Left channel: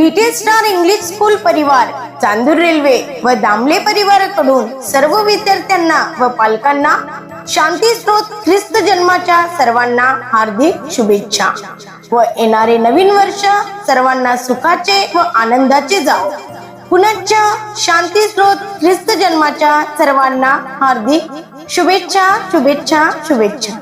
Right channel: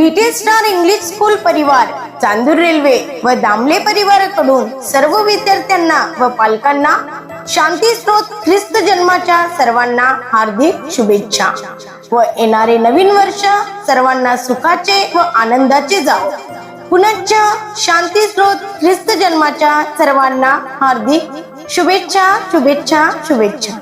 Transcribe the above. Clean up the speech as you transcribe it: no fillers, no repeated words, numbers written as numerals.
Little star English school परिवार, Chandur railway व दामले परिवाराकडून सर्व विद्यार्थ्यांना व पालकांना शांती स्रोत ख्रिस्त जन्माच्या सर्वांना हार्दिक शुभेच्छा व येणारे नवीन वर्ष सर्वांना सुखाचे व आनंदाचे जावो। पुनश्च शांती स्रोत ख्रिस्त जन्माच्या सर्वांना हार्दिक शुभेच्छा शुभेच्छा शुभेच्छा।